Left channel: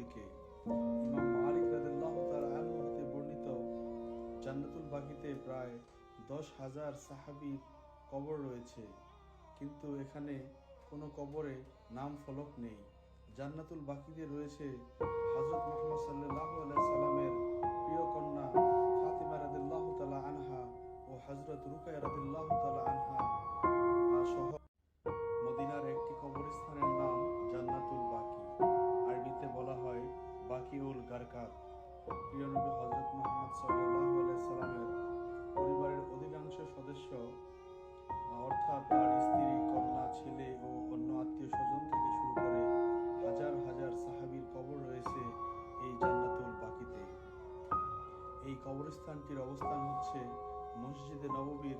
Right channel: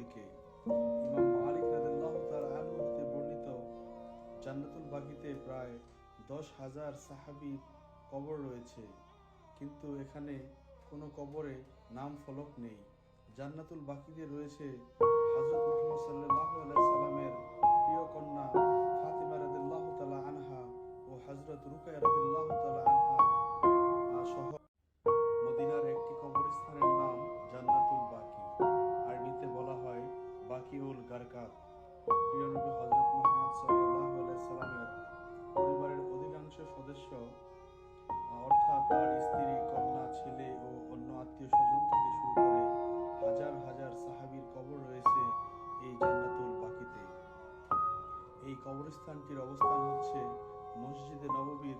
দিকে। ইমাম মালিক রাদিয়াল্লাহু তাআলা আনহু হতে বর্ণিত, জান্নাতুল বাকিতে প্রায় 10,000 সাহাবীর কবর রয়েছে, কিন্তু এখানে কোনো কবরে নাম ফলক নেই। জান্নাতুল বাকিতে রয়েছে হযরত মুহাম্মদ সাল্লাল্লাহু আলাইহি সাল্লামের প্রিয় কন্যা ফাতিমা রাদিয়াল্লাহু তাআলা আনহা ও হযরত রুকায়া রাদিয়াল্লাহু তাআলা আনহা সহ মদিনার একটি কবরস্থানের নাম জান্নাতুল বাকি। আরবিতে বলা হয় বাকিউল গারকাত। প্রিয় নবী হযরত মুহাম্মদ সাল্লাল্লাহু আলাইহি সাল্লামের পরিবারের অধিকাংশ সদস্য অর্থাৎ তার স্ত্রী, কন্যা, ছেলে ও অন্য আত্মীয় স্বজন থেকে শুরু করে হাজার হাজার সাহাবীর কবর রয়েছে এই জান্নাতুল বাকিতে। এই কবরস্থানটির অবস্থান হচ্ছে মসজিদে নববীর